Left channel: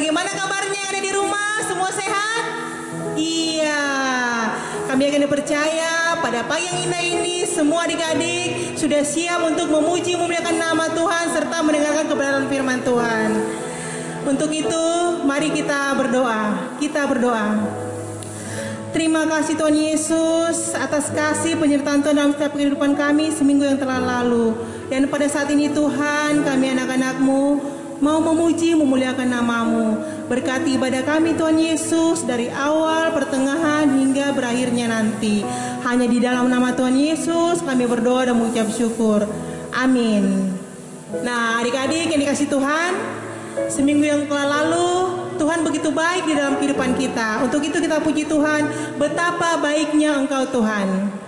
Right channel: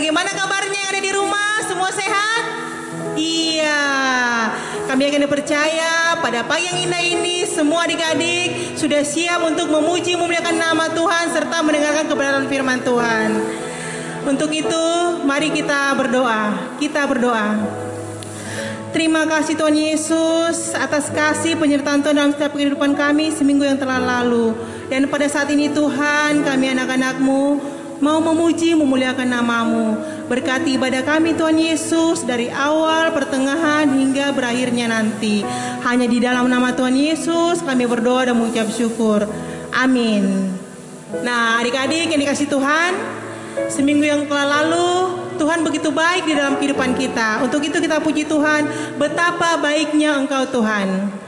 bagaimana kabarnya yang ada di rumah? Semua sehat? Iya, kami akan dipercaya pada pagi yang indah ini semua adik-adik sudah siap untuk memuji memuliakan nama Tuhan serta mendengarkan kebenaran firman Tuhan. Untuk itu, mari kita berdoa. Kita berdoa. Terima kasih Tuhan Yesus atas kasih penyertaan Tuhan dalam setiap kehidupan kami seminggu yang telah lalu. Dan pada saat ini Tuhan, kami anak-anak-Mu mau memuji memuliakan nama-Mu. Berkati ibadah kami Tuhan Yesus dari awal, pertengahan hingga berakhirnya nanti. Hanya di dalam nama Tuhan Yesus kami berdoa dan mengucap syukur. Amin. Nah adik-adik yang dikasih Tuhan, seminggu yang telah lalu Tuhan begitu baik di dalam kehidupan kita. Untuk itu kita puji Tuhan, betapa baiknya Engkau Tuhan.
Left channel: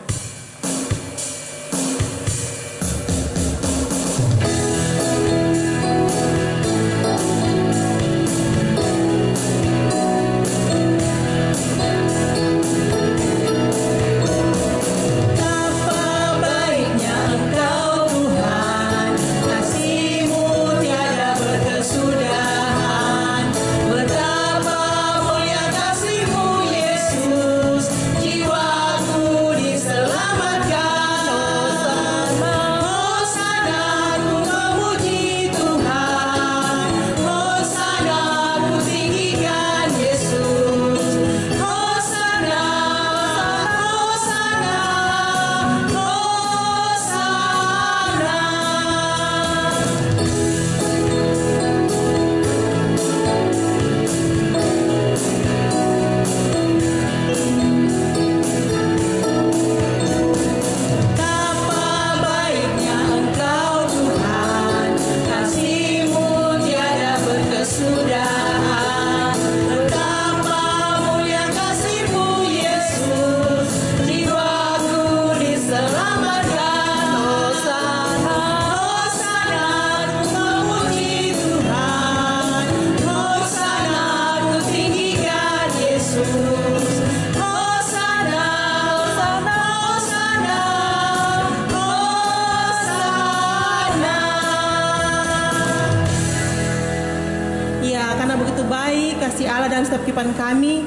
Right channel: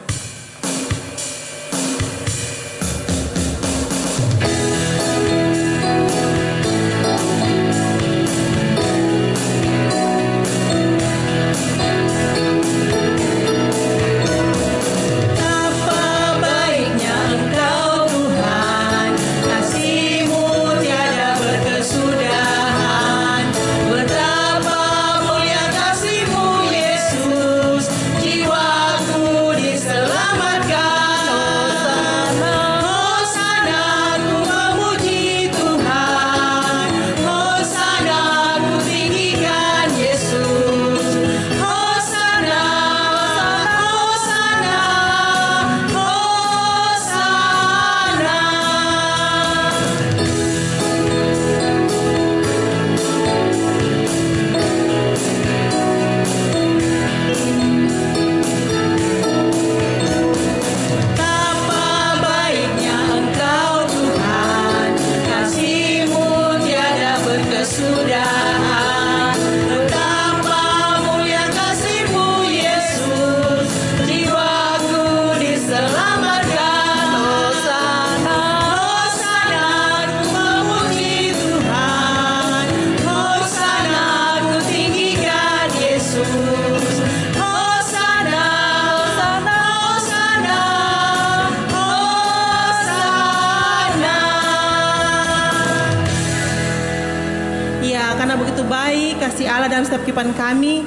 Dalam setiap kehidupan kami,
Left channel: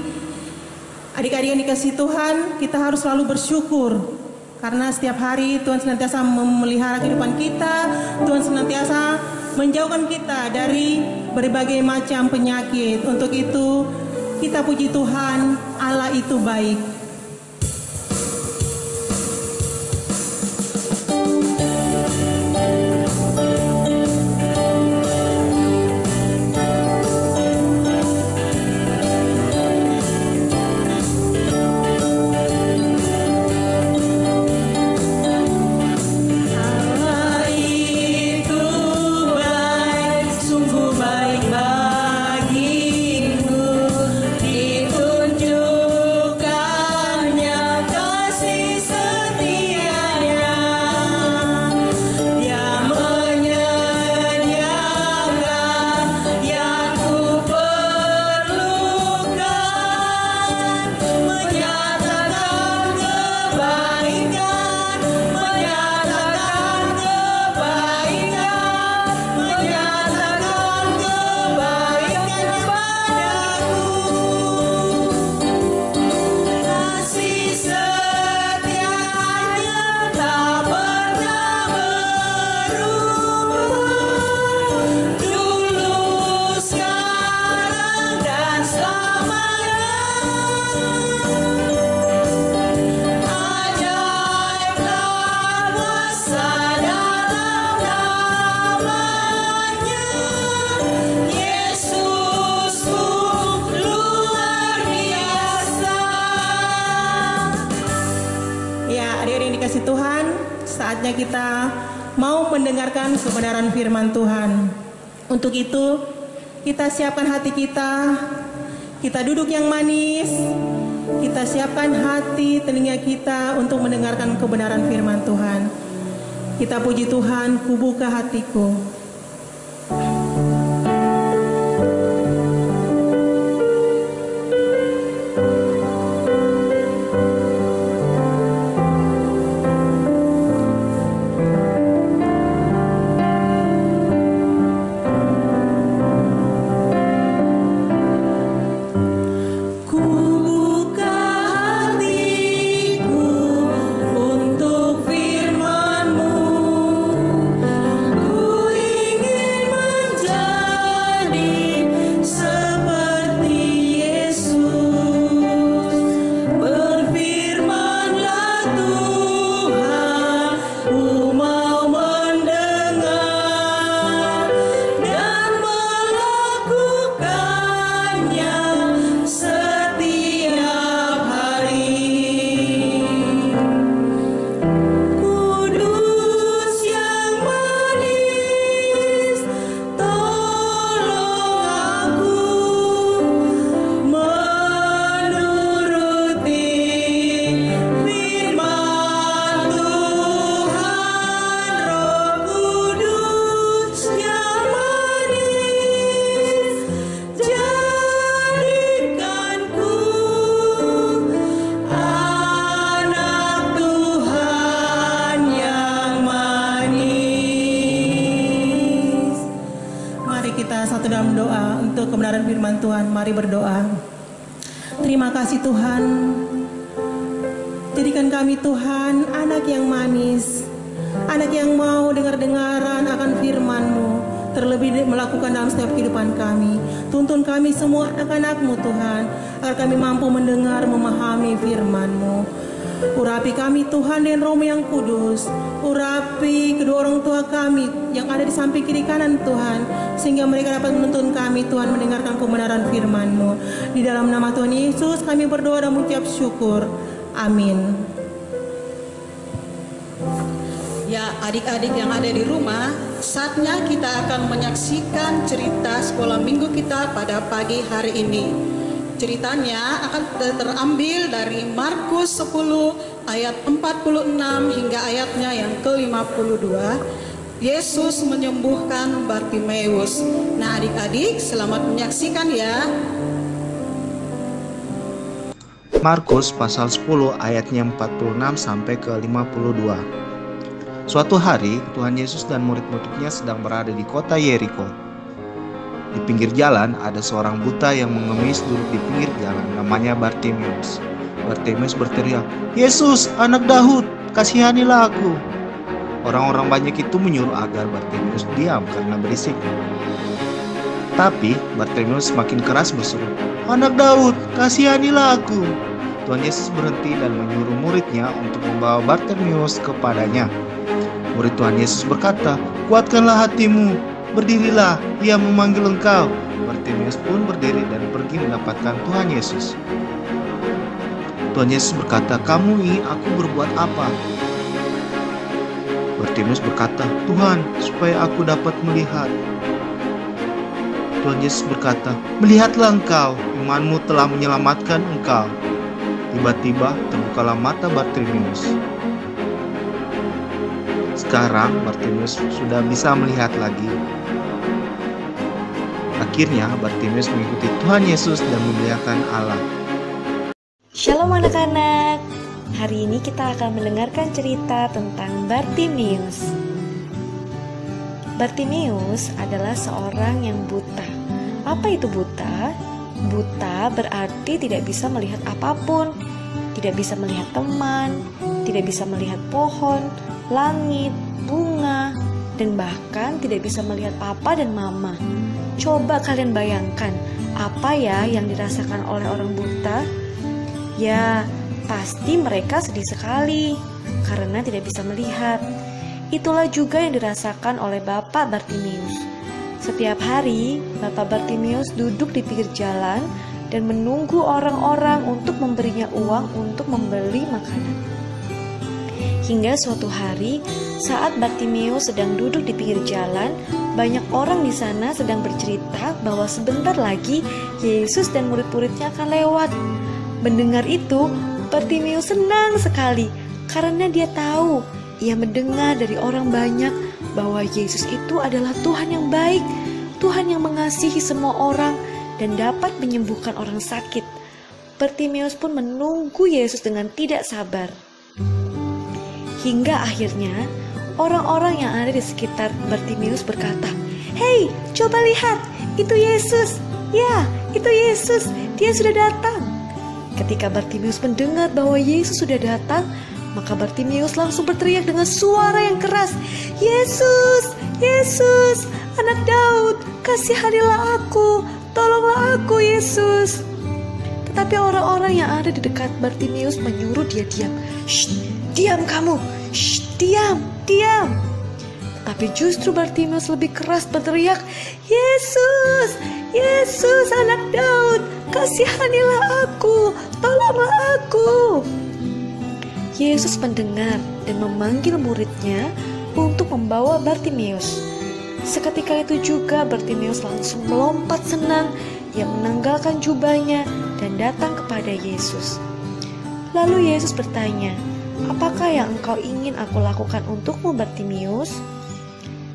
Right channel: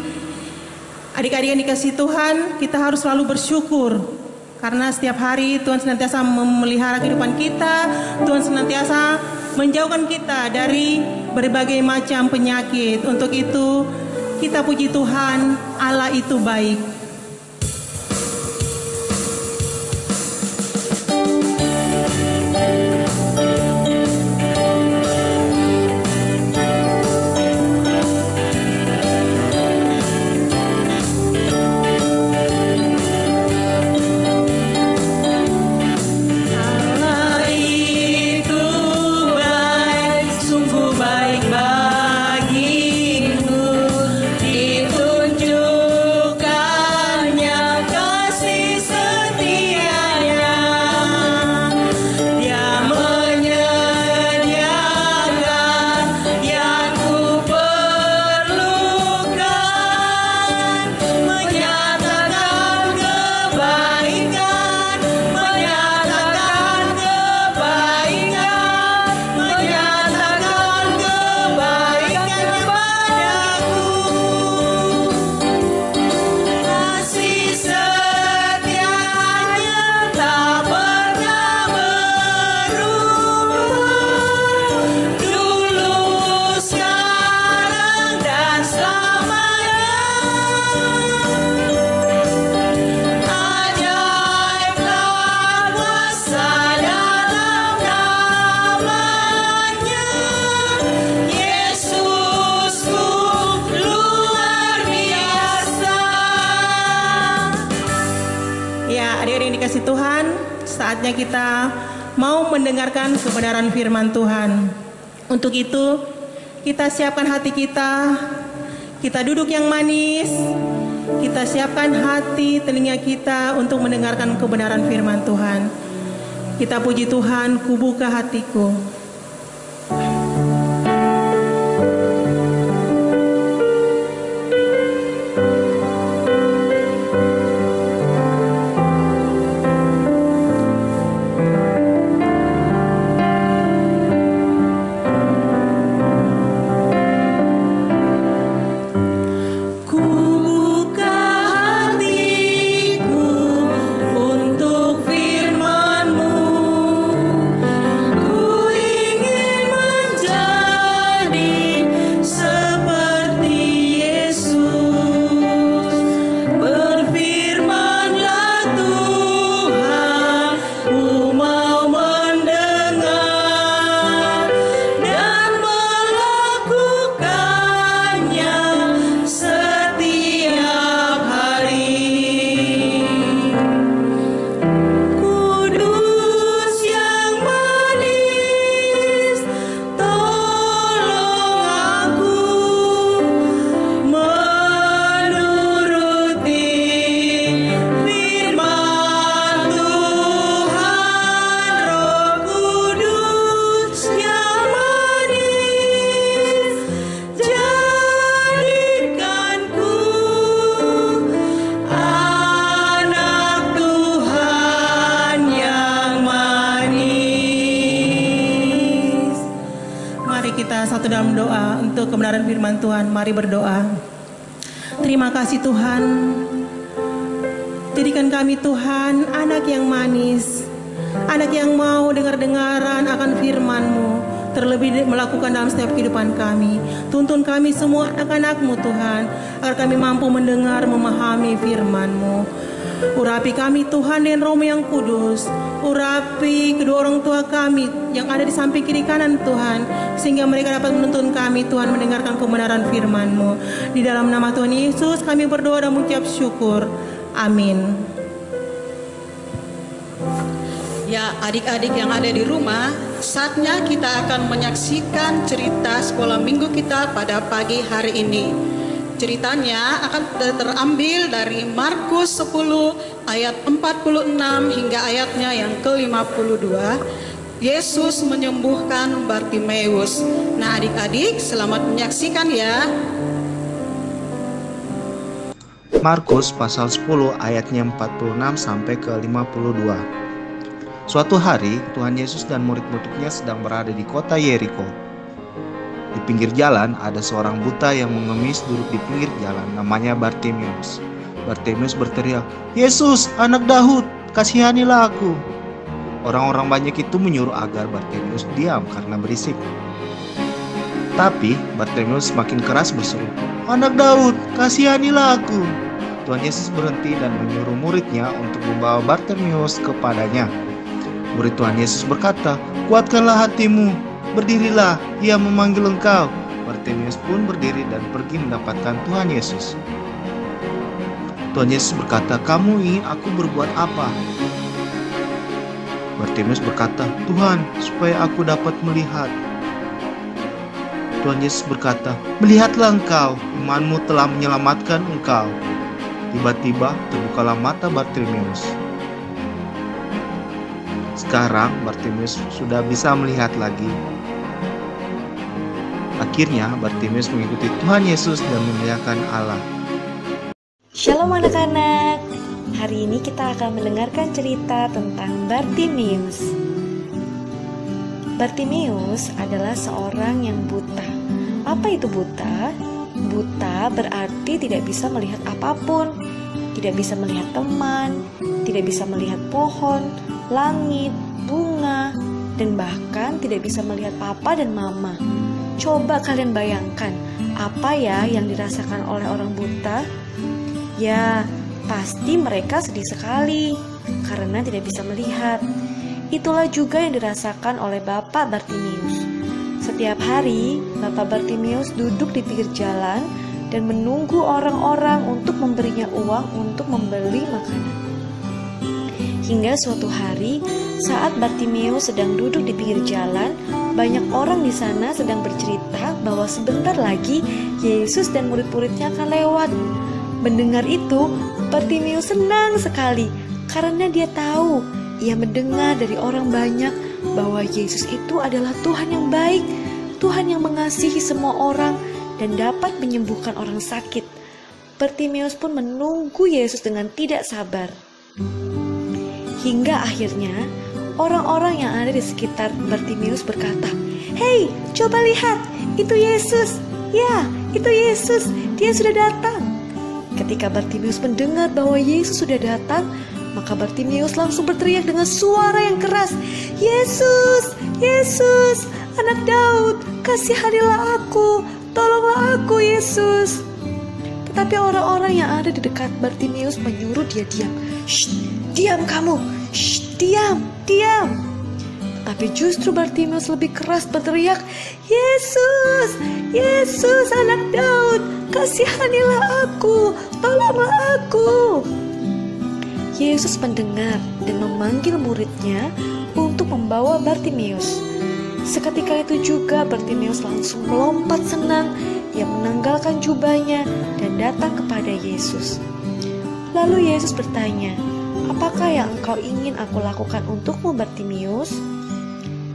adik-adik yang dikasih Tuhan, kita harus selalu bersyukur karena setiap hari Tuhan senantiasa memelihara kehidupan kita. Tuhan senantiasa menjauhkan kita dari berbagai macam penyakit. Untuk itu kita puji Tuhan, Allah itu baik. Saatnya kita mau mendengarkan kebenaran firman Tuhan. Untuk itu kita siapkan hati kita, kita duduk yang manis, kita siapkan hati telinga kita untuk mendengarkan kebenaran firman Tuhan. Kita puji Tuhan, kubuka hatiku. dalam doa untuk kebenaran firman Tuhan. Mari berdoa. Terima kasih Tuhan. Jadikan kami Tuhan anak yang manis, anak yang mau dengar-dengaran akan firman-Mu, terlebih melakukan dalam setiap kehidupan kami. Tuntun kami semua anak-anak-Mu Tuhan, agar kami mampu mendengar, memahami firman-Mu. Urapi kami Tuhan dengan Roh yang kudus. Urapi kedua orang tua kami yang ada di samping kiri kanan Tuhan, sehingga mereka dapat menuntun kami Tuhan mendengarkan kebenaran firman-Mu. Di dalam nama Tuhan Yesus kami berdoa dan mengucap syukur. Amin. Ya, adik-adik yang ada di rumah, saatnya kita akan menyaksikan cerita sekolah minggu kita pada pagi hari ini. Ceritanya akan terambil dari Markus 10 ayat 46 hingga ayatnya yang ke-52. Yesus menyembuhkan Bartimeus. Nah, adik-adik selamat menyaksikan ya. Markus pasal 10 ayatnya 46 sampai ke 52. Suatu hari Tuhan Yesus dan murid-muridnya sedang berada di kota Yeriko. Di pinggir jalan ada seorang buta yang mengemis duduk di pinggir jalan, namanya Bartimeus. Bartimeus berteriak, "Yesus, anak Daud, kasihanilah aku." Orang-orang banyak itu menyuruh agar Bartimeus diam karena berisik. Tapi Bartimeus semakin keras berseru, "Anak Daud, kasihanilah aku." Tuhan Yesus berhenti dan menyuruh muridnya untuk membawa Bartimeus kepadanya. Murid Tuhan Yesus berkata, "Kuatkanlah hatimu, berdirilah, ia memanggil engkau." Bartimeus pun berdiri dan pergi mendapatkan Tuhan Yesus. Tuhan Yesus berkata, "Kamu ingin aku berbuat apa?" Bartimeus berkata, "Tuhan, supaya aku dapat melihat." Tuhan Yesus berkata, "Melihatlah engkau, imanmu telah menyelamatkan engkau." Tiba-tiba terbukalah mata Bartimeus. Sekarang Bartimeus sudah bisa melihat lagi. Akhirnya Bartimeus mengikuti Tuhan Yesus dan memuliakan Allah. Shalom anak-anak. Hari ini kita akan mendengarkan cerita tentang Bartimeus. Bartimeus adalah seorang yang buta. Apa itu buta? Buta berarti tidak bisa melihat apapun, tidak bisa melihat teman, tidak bisa melihat pohon, langit, bunga, dan bahkan tidak bisa melihat papa dan mama. Coba kalian bayangkan, apa ya yang dirasakan oleh orang buta? Ya, pasti mereka sedih sekali karena tidak bisa melihat. Itulah juga yang dirasakan oleh Bapak Bartimeus. Setiap hari, Bapak Bartimeus duduk di pinggir jalan dan menunggu orang-orang untuk memberinya uang untuk membeli makanan. Hingga suatu hari, saat Bartimeus sedang duduk di pinggir jalan, banyak orang di sana sedang bercerita bahwa sebentar lagi Yesus dan murid-muridnya akan lewat. Mendengar itu, Bartimeus senang sekali karena dia tahu, ia mendengar dari orang banyak bahwa Yesus itu adalah Tuhan yang baik, Tuhan yang mengasihi semua orang dan dapat menyembuhkan orang sakit. Bartimeus pun menunggu Yesus dengan tidak sabar. Hingga akhirnya orang-orang yang ada di sekitar Bartimeus berkata, "Hei, coba lihat, itu Yesus. Ya, itu Yesus, dia sudah datang." Ketika Bartimeus mendengar bahwa Yesus sudah datang, maka Bartimeus langsung berteriak dengan suara yang keras, "Yesus, Yesus, anak Daud, kasihanilah aku, tolonglah aku Yesus." Tetapi orang-orang yang ada di dekat Bartimeus menyuruh dia diam. "Shh, diam kamu, shh, diam, diam." Tapi justru Bartimeus lebih keras berteriak, "Yesus, Yesus anak Daud, kasihanilah aku, tolonglah aku." Yesus mendengar dan memanggil muridnya untuk membawa Bartimeus. Seketika itu juga Bartimeus langsung melompat senang. Ia menanggalkan jubahnya dan datang kepada Yesus. Lalu Yesus bertanya, "Apakah yang engkau ingin aku lakukan untukmu, Bartimeus?"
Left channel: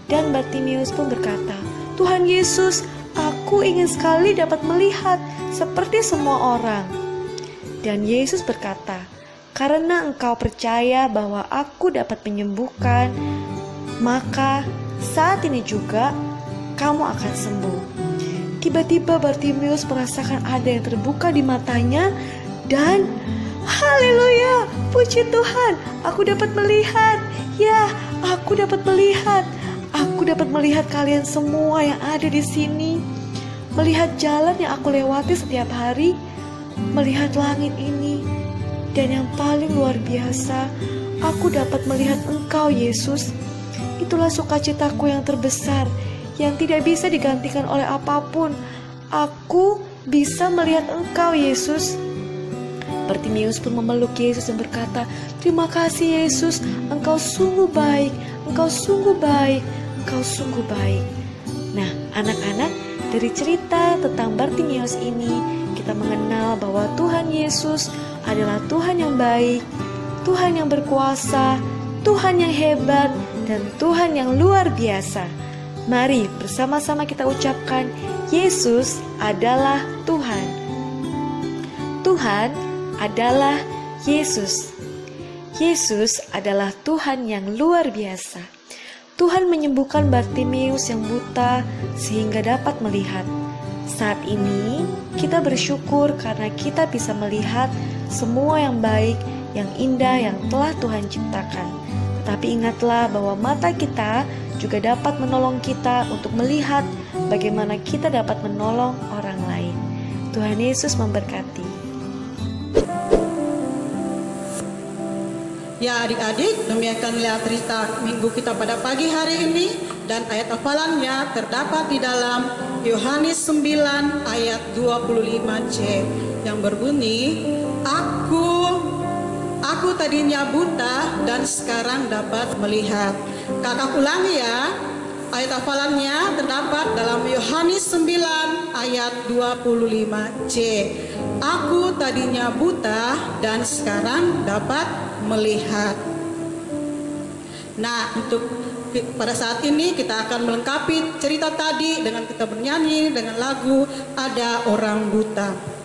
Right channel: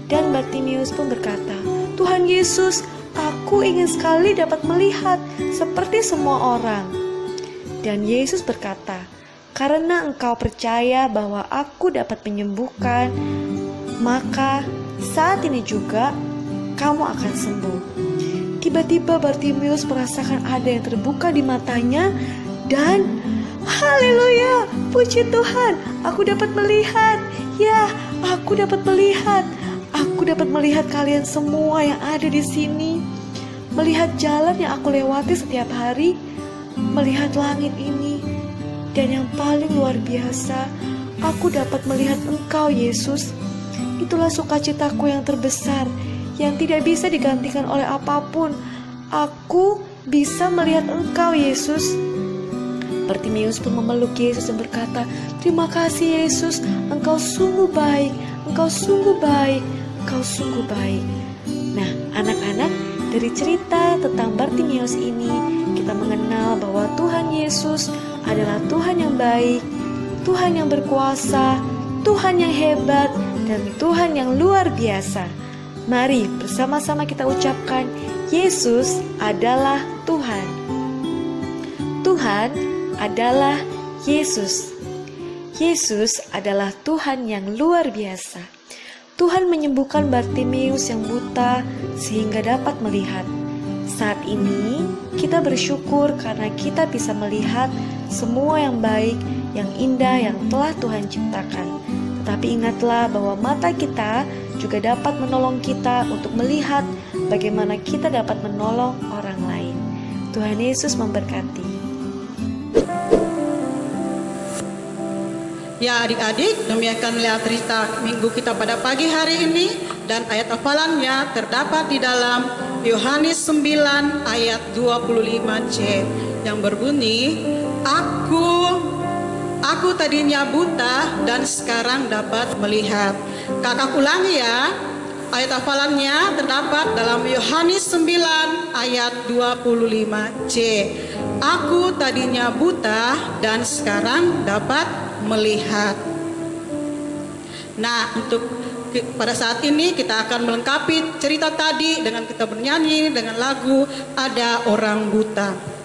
Dan Bartimeus pun berkata, "Tuhan Yesus, aku ingin sekali dapat melihat seperti semua orang." Dan Yesus berkata, "Karena engkau percaya bahwa aku dapat menyembuhkan, maka saat ini juga kamu akan sembuh." tiba-tiba Bartimius merasakan ada yang terbuka di matanya dan haleluya, puji Tuhan, aku dapat melihat. Ya, aku dapat melihat. Aku dapat melihat kalian semua yang ada di sini. Melihat jalan yang aku lewati setiap hari, melihat langit ini. Dan yang paling luar biasa, aku dapat melihat Engkau, Yesus. Itulah sukacitaku yang terbesar, yang tidak bisa digantikan oleh apapun. Aku bisa melihat Engkau, Yesus. Bartimius pun memeluk Yesus dan berkata, "Terima kasih Yesus, Engkau sungguh baik, Engkau sungguh baik, Engkau sungguh baik." Nah, anak-anak, dari cerita tentang Bartimius ini, kita mengenal bahwa Tuhan Yesus adalah Tuhan yang baik, Tuhan yang berkuasa, Tuhan yang hebat, dan Tuhan yang luar biasa. Mari bersama-sama kita ucapkan, Yesus adalah Tuhan. Tuhan adalah Yesus. Yesus adalah Tuhan yang luar biasa. Tuhan menyembuhkan Bartimius yang buta sehingga dapat melihat. Saat ini kita bersyukur karena kita bisa melihat semua yang baik, yang indah yang telah Tuhan ciptakan. Tetapi ingatlah bahwa mata kita juga dapat menolong kita untuk melihat bagaimana kita dapat menolong orang lain. Tuhan Yesus memberkati. Ya adik-adik, demikianlah cerita minggu kita pada pagi hari ini, dan ayat hafalannya terdapat di dalam Yohanes 9 ayat 25c yang berbunyi, Aku tadinya buta dan sekarang dapat melihat. Kakak ulangi ya, ayat hafalannya terdapat dalam Yohanes 9 ayat 25c. Aku tadinya buta dan sekarang dapat melihat. Nah, untuk pada saat ini kita akan melengkapi cerita tadi dengan kita bernyanyi dengan lagu Ada Orang Buta.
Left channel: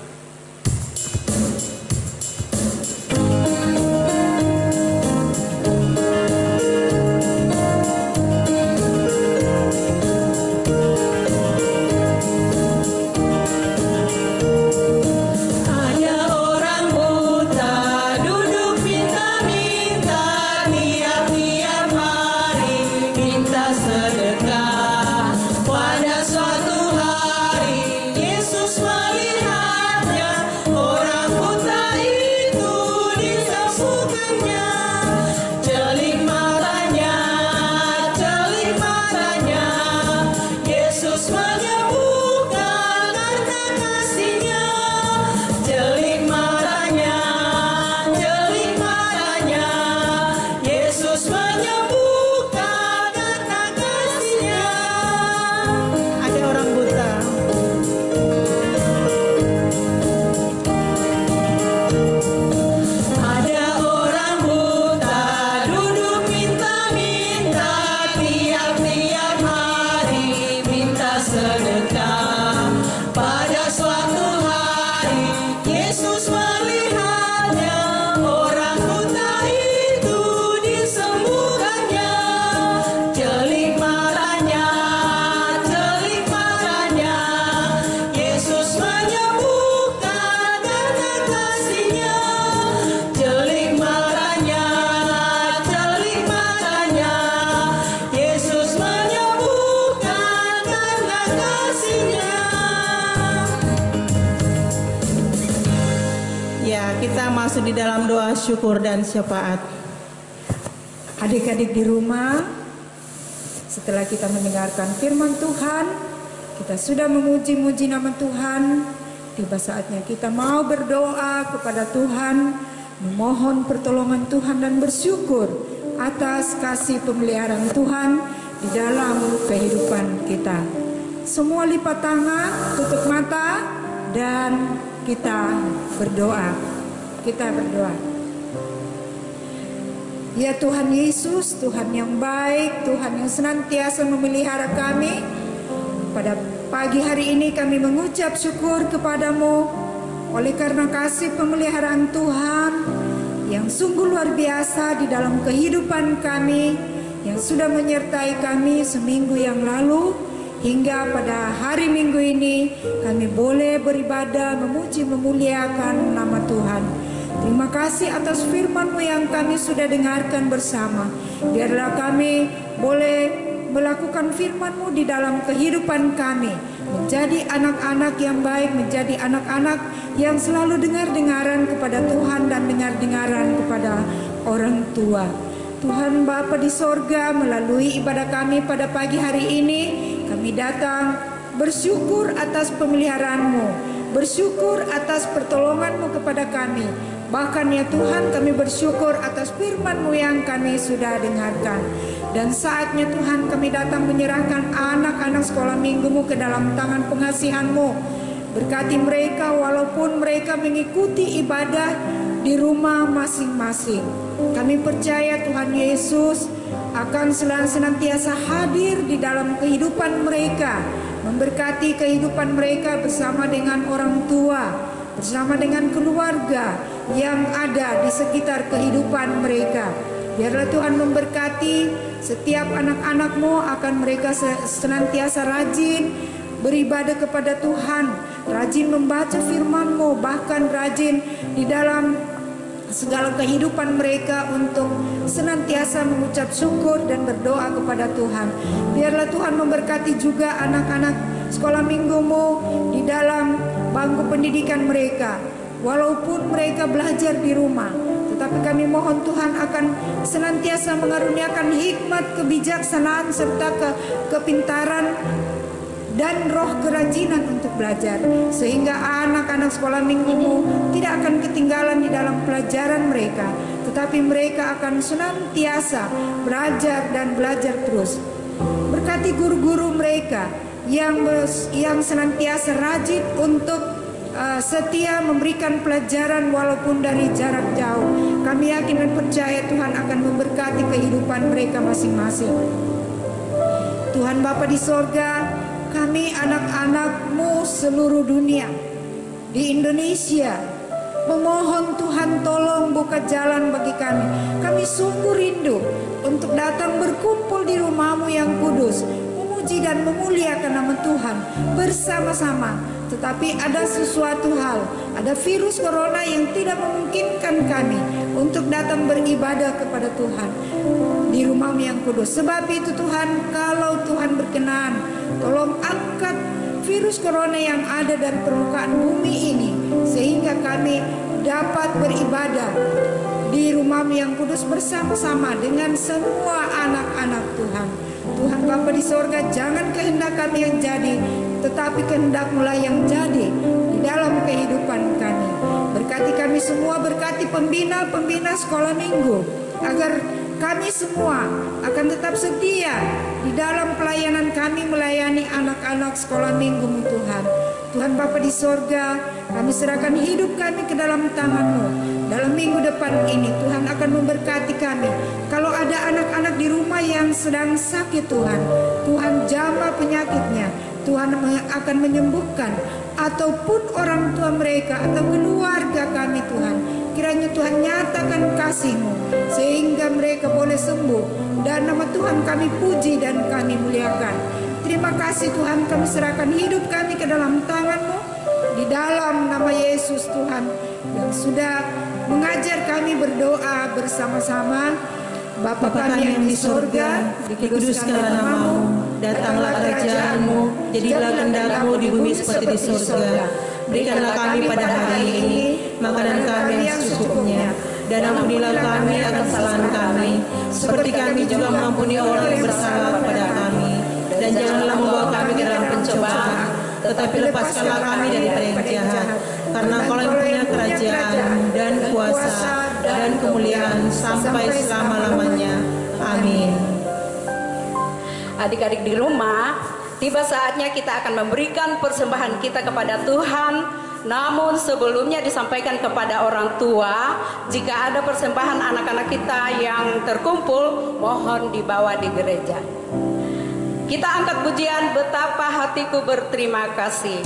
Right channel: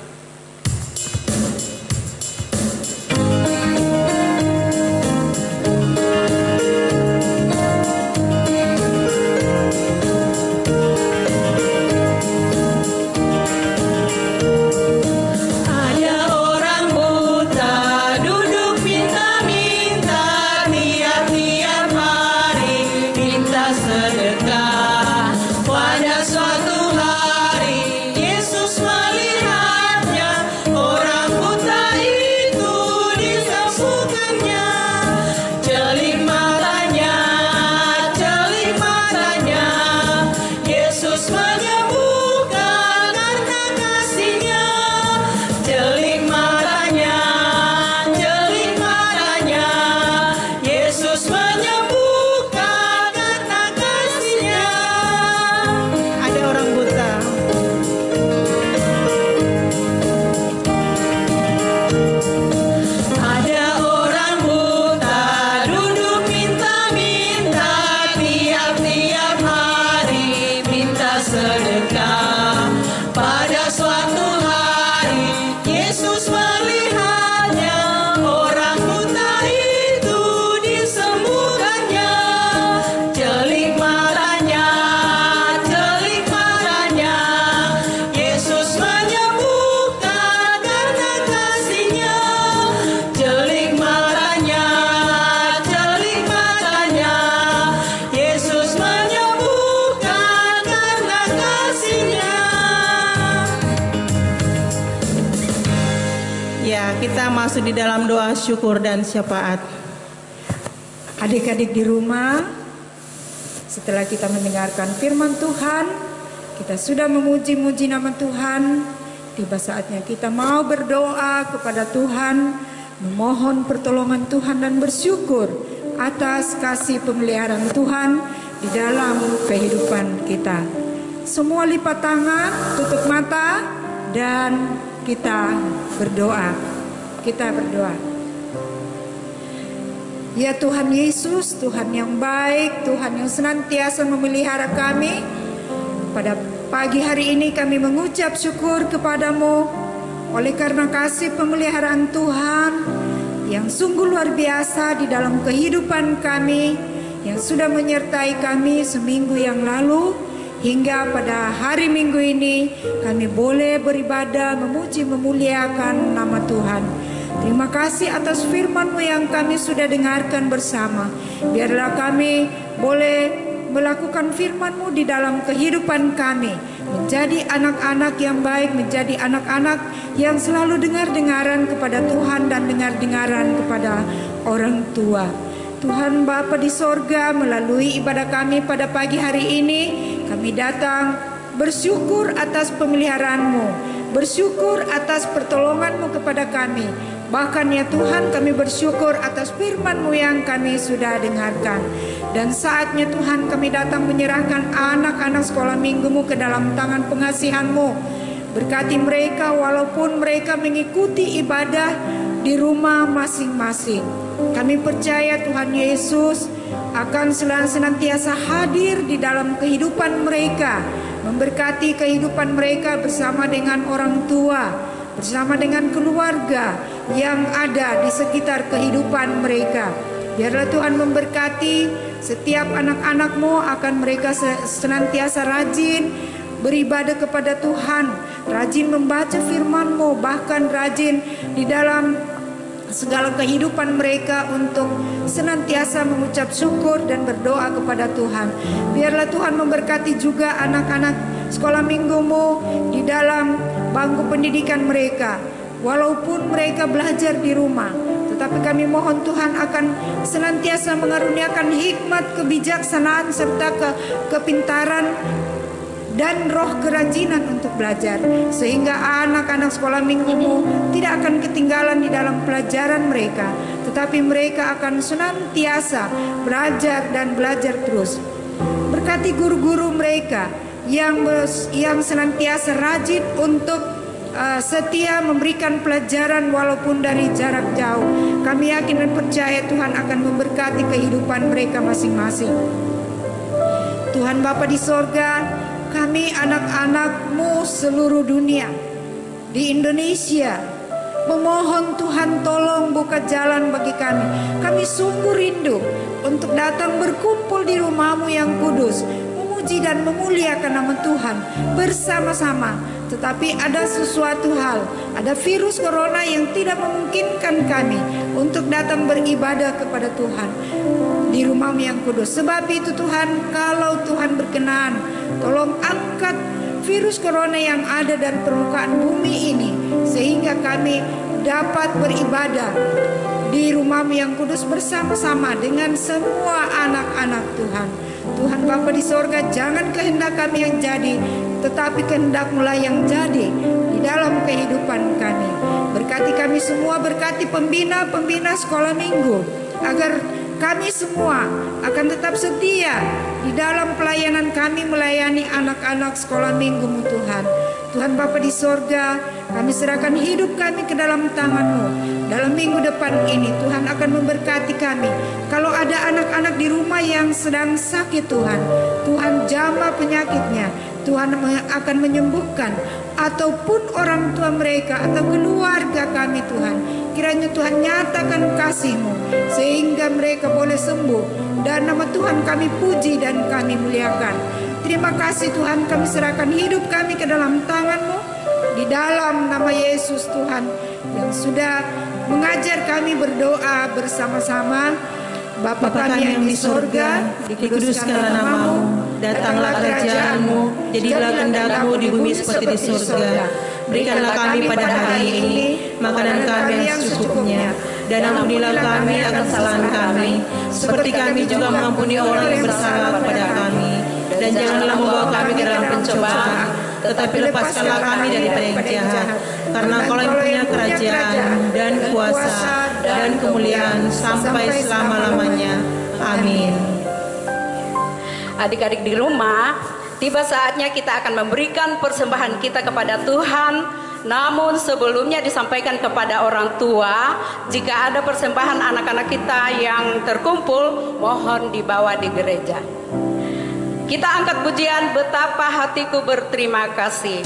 Kita masuk di dalam doa syukur dan syafaat. Adik-adik di rumah, setelah kita mendengarkan firman Tuhan, kita sudah memuji-muji nama Tuhan, tiba saatnya kita mau berdoa kepada Tuhan, memohon pertolongan Tuhan dan bersyukur atas kasih pemeliharaan Tuhan di dalam kehidupan kita. Semua lipat tangan, tutup mata, dan kita berdoa. Kita berdoa. Ya Tuhan Yesus, Tuhan yang baik, Tuhan yang senantiasa memelihara kami. Pada pagi hari ini kami mengucap syukur kepadamu oleh karena kasih pemeliharaan Tuhan yang sungguh luar biasa di dalam kehidupan kami, yang sudah menyertai kami seminggu yang lalu hingga pada hari Minggu ini kami boleh beribadah, memuji, memuliakan nama Tuhan. Terima kasih atas firman-Mu yang kami sudah dengarkan bersama. Biarlah kami boleh melakukan firman-Mu di dalam kehidupan kami, menjadi anak-anak yang baik, menjadi anak-anak yang selalu dengar-dengaran kepada Tuhan dan dengar-dengaran kepada orang tua. Tuhan Bapa di sorga, melalui ibadah kami pada pagi hari ini, kami datang bersyukur atas pemeliharaan-Mu, bersyukur atas pertolongan-Mu kepada kami. Bahkan ya Tuhan, kami bersyukur atas firman-Mu yang kami sudah dengarkan. Dan saatnya Tuhan, kami datang menyerahkan anak-anak sekolah minggu-Mu ke dalam tangan pengasihan-Mu. Berkati mereka walaupun mereka mengikuti ibadah di rumah masing-masing. Kami percaya Tuhan Yesus akan senantiasa hadir di dalam kehidupan mereka, memberkati kehidupan mereka bersama dengan orang tua, bersama dengan keluarga yang ada di sekitar kehidupan mereka. Biarlah Tuhan memberkati setiap anak-anak-Mu, akan mereka senantiasa rajin beribadah kepada Tuhan, rajin membaca firman-Mu, bahkan rajin di dalam segala kehidupan mereka untuk senantiasa mengucap syukur dan berdoa kepada Tuhan. Biarlah Tuhan memberkati juga anak-anak sekolah minggu-Mu di dalam bangku pendidikan mereka. Walaupun mereka belajar di rumah, tetapi kami mohon Tuhan akan senantiasa mengaruniakan hikmat, kebijaksanaan, serta kepintaran dan roh kerajinan untuk belajar, sehingga anak-anak sekolah minggu-Mu tidak akan ketinggalan di dalam pelajaran mereka, tetapi mereka akan senantiasa belajar dan belajar terus. Berkati guru-guru mereka yang senantiasa rajin untuk setia memberikan pelajaran walaupun dari jarak jauh. Kami yakin dan percaya Tuhan akan memberkati kehidupan mereka masing-masing. Tuhan Bapa di sorga, kami anak-anak-Mu seluruh dunia di Indonesia memohon Tuhan tolong buka jalan bagi kami. Kami sungguh rindu untuk datang berkumpul di rumah-Mu yang kudus, memuji dan memuliakan nama Tuhan bersama-sama. Tetapi ada sesuatu hal, ada virus corona yang tidak memungkinkan kami untuk datang beribadah kepada Tuhan di rumah-Mu yang kudus. Sebab itu Tuhan, kalau Tuhan berkenan, tolong angkat virus corona yang ada dan permukaan bumi ini, sehingga kami dapat beribadah di rumah-Mu yang kudus bersama-sama dengan semua anak-anak Tuhan. Tuhan Bapa di sorga, jangan kehendak kami yang jadi, tetapi kehendak-Mu lah yang jadi di dalam kehidupan kami. Berkati kami semua, berkati pembina-pembina sekolah minggu, agar kami semua akan tetap setia di dalam pelayanan kami melayani anak-anak sekolah minggu-Mu Tuhan. Tuhan Bapa di sorga, kami serahkan hidup kami ke dalam tangan-Mu. Dalam minggu depan ini Tuhan akan memberkati kami. Kalau ada anak-anak di rumah yang sedang sakit Tuhan jamah penyakitnya. Tuhan akan menyembuhkan, ataupun orang tua mereka atau keluarga kami Tuhan. Kiranya Tuhan nyatakan kasih-Mu sehingga mereka boleh sembuh, dan nama Tuhan kami puji dan kami muliakan. Terima kasih Tuhan, kami serahkan hidup kami ke dalam tangan-Mu, di dalam nama Yesus Tuhan yang sudah mengajar kami berdoa bersama-sama. Bapa kami yang di sorga, dikuduskanlah nama-Mu, datanglah kerajaan-Mu, jadilah kehendak-Mu di bumi seperti di sorga. Berikanlah kami pada hari ini makanan kami yang secukupnya, dan ampunilah kami akan kesalahan kami, seperti kami juga mengampuni orang yang bersalah kepada kami. Dan janganlah membawa kami ke dalam pencobaan, tetapi lepaskanlah kami daripada yang jahat. Karena Engkau yang punya kerajaan dan kuasa dan kemuliaan sampai selama-lamanya. Amin. Adik-adik di rumah, tiba saatnya kita akan memberikan persembahan kita kepada Tuhan. Namun sebelumnya disampaikan kepada orang tua, jika ada persembahan anak-anak kita yang terkumpul, mohon dibawa di gereja. Kita angkat pujian Betapa Hatiku Berterima Kasih.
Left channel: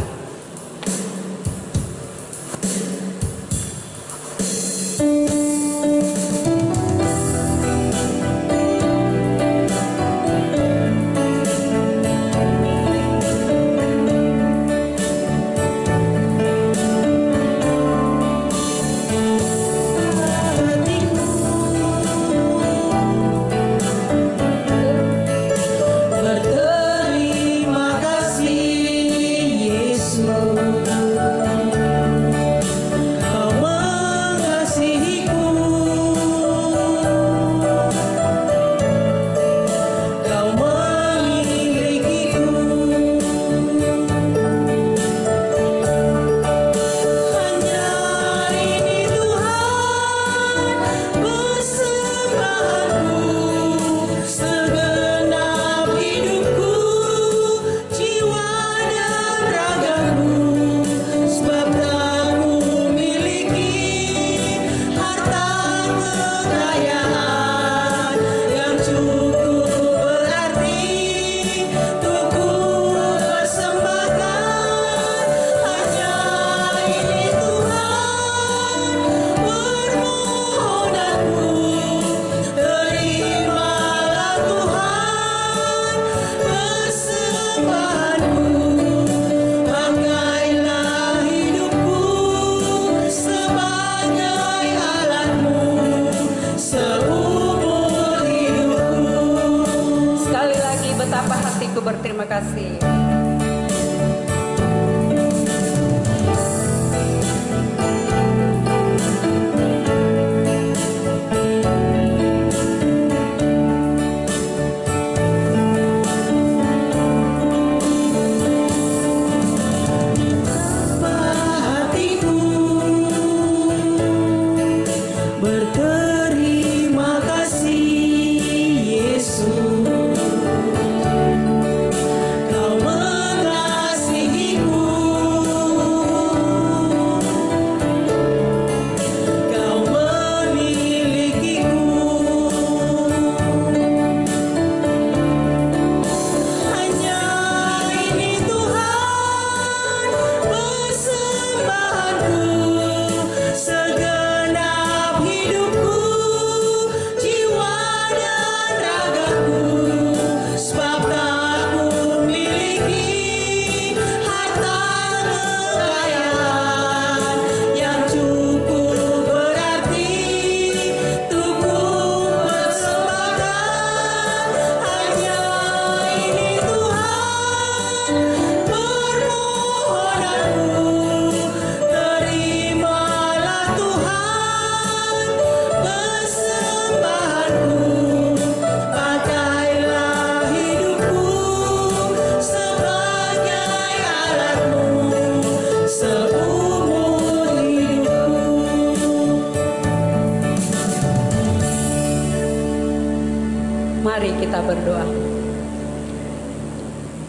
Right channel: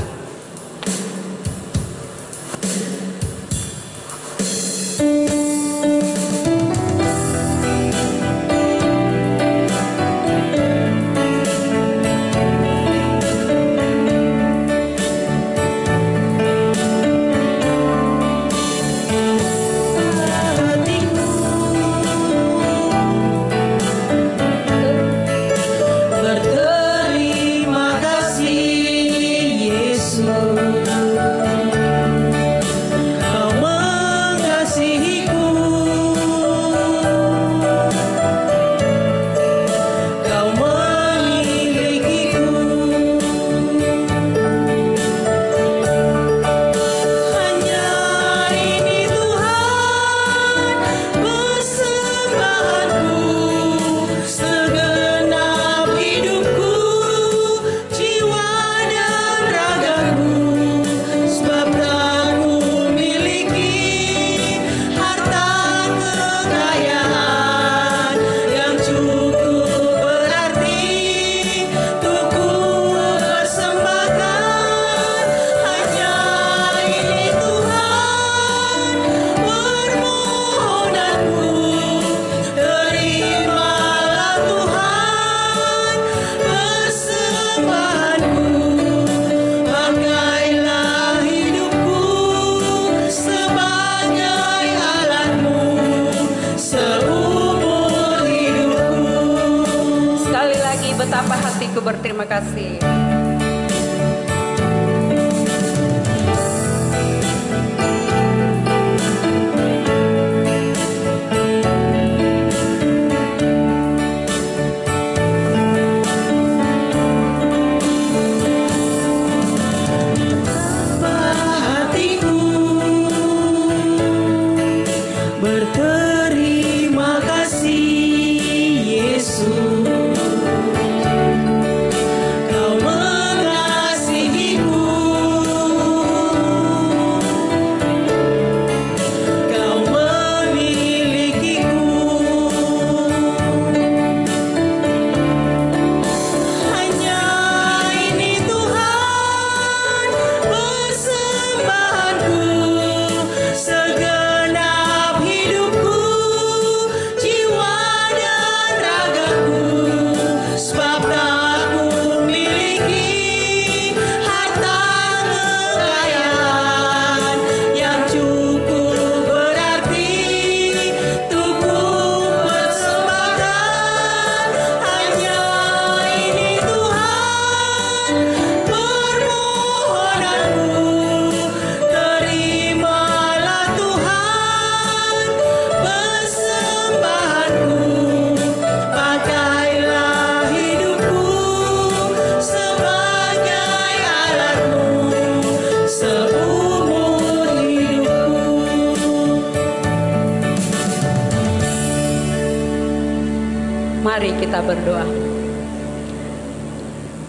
kita berdoa.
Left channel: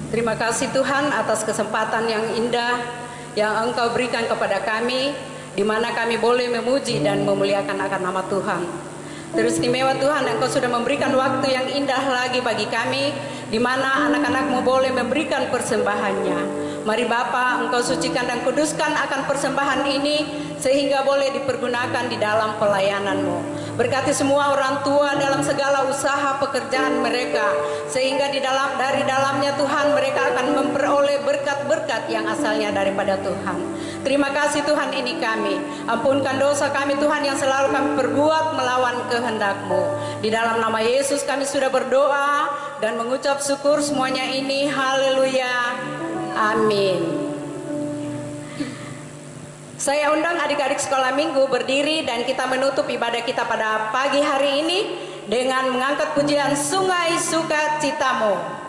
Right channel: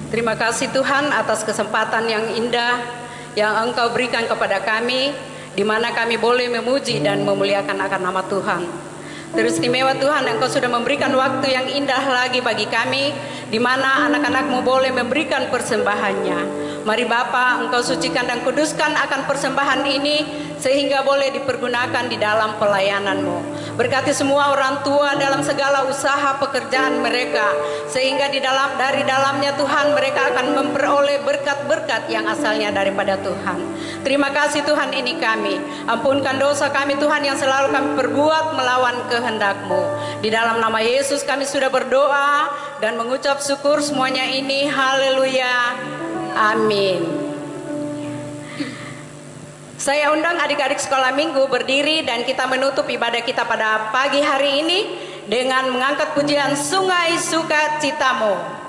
Terima kasih Tuhan atas kesempatan yang indah yang Engkau berikan kepada kami, di mana kami boleh memuji dan memuliakan akan nama Tuhan. Teristimewa Tuhan, Engkau sudah memberikan waktu yang indah lagi bagi kami, di mana anak-anak-Mu boleh memberikan persembahannya. Mari Bapa, Engkau sucikan dan kuduskan akan persembahan ini, sehingga boleh dipergunakan di dalam pelayanan-Mu. Berkati semua orang tua dalam segala usaha pekerjaan mereka, sehingga dari dalamnya Tuhan mereka akan memperoleh berkat-berkat yang asalnya daripada Tuhan. Terima kasih Tuhan, ini kami. Ampunkan dosa kami Tuhan yang selalu kami perbuat melawan kehendak-Mu. Di dalam nama Yesus kami sudah berdoa dan mengucap syukur semuanya ini. Haleluya. Amin. Saya undang adik-adik sekolah minggu berdiri dan kita menutup ibadah kita pada pagi hari ini dengan mengangkat pujian Sungai Sukacitamu.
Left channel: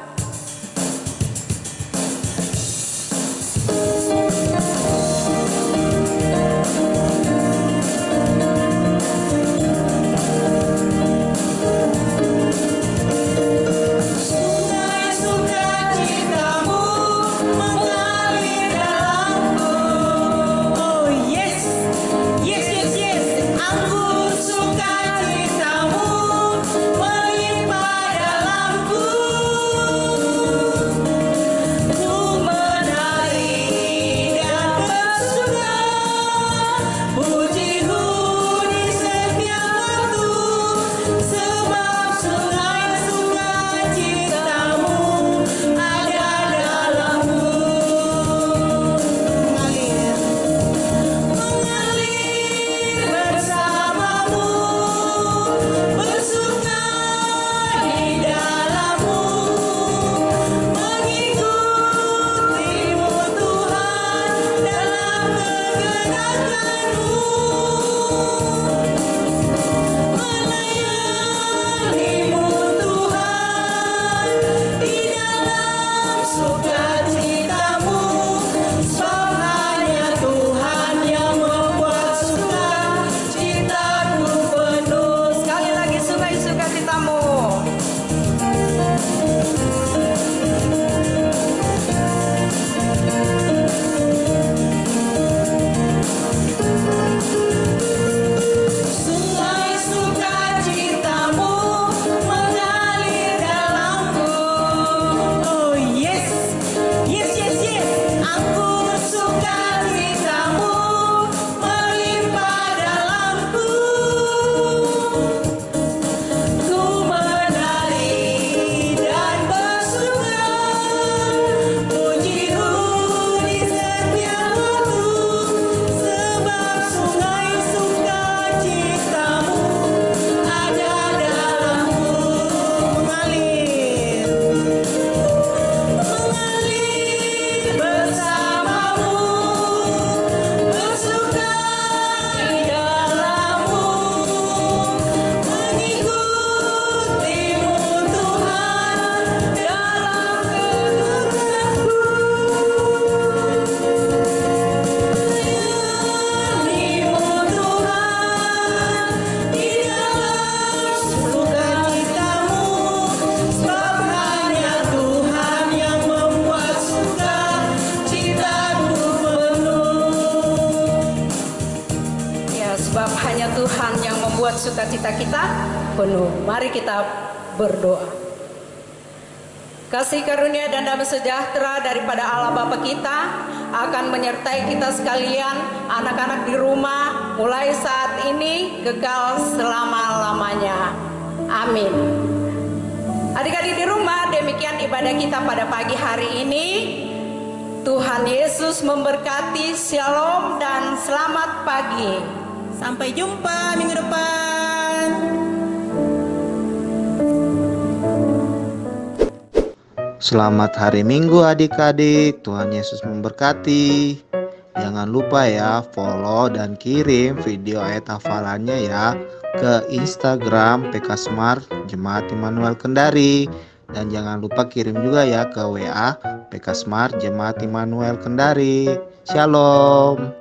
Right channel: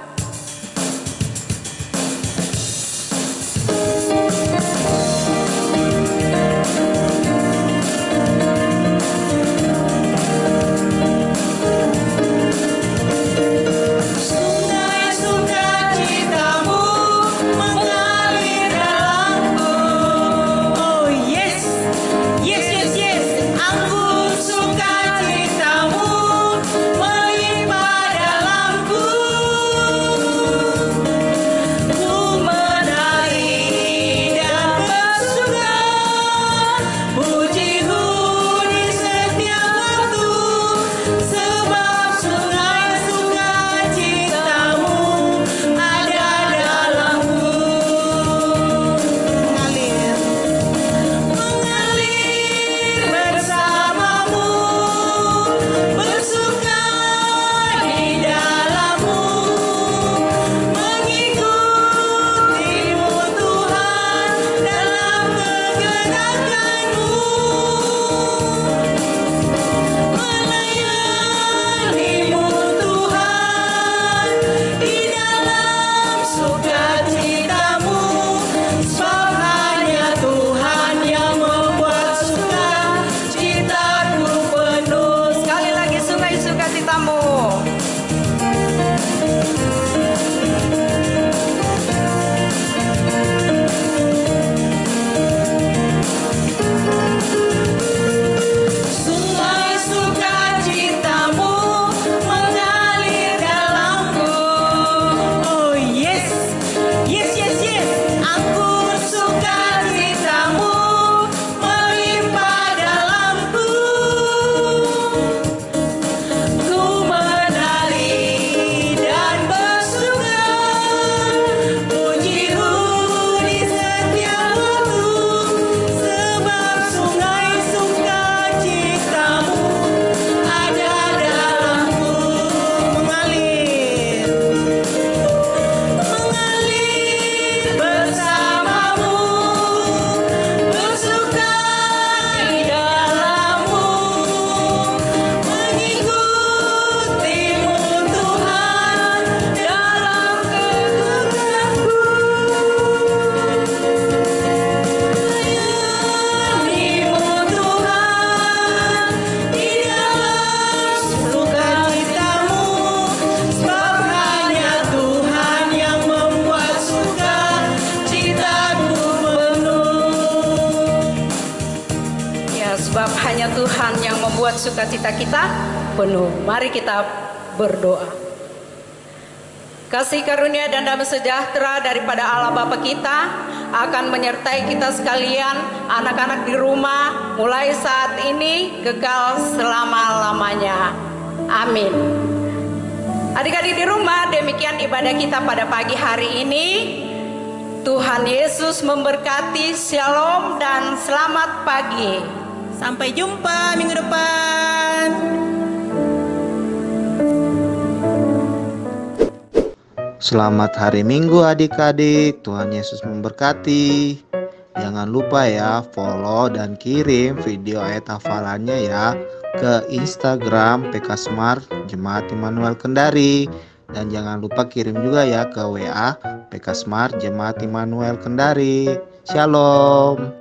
Tuhan yang membuat sukacita kita penuh. Mari kita berdoa. Kasih karunia dan damai sejahtera daripada Allah Bapa kita akan menyertai kita sekalian, anak-anak di rumah, mulai saat ini kekal selama-lamanya. Amin. Adik-adik di rumah, demikian ibadah kita pada pagi hari ini. Tuhan Yesus memberkati. Shalom dan selamat pagi. Sampai jumpa minggu depan. Selamat hari Minggu adik-adik. Tuhan Yesus memberkati. Jangan lupa ya follow dan kirim video ayat hafalannya ya ke Instagram PK Smart Jemaat Immanuel Kendari. Dan jangan lupa kirim juga ya ke WA PK Smart Jemaat Immanuel Kendari. Shalom.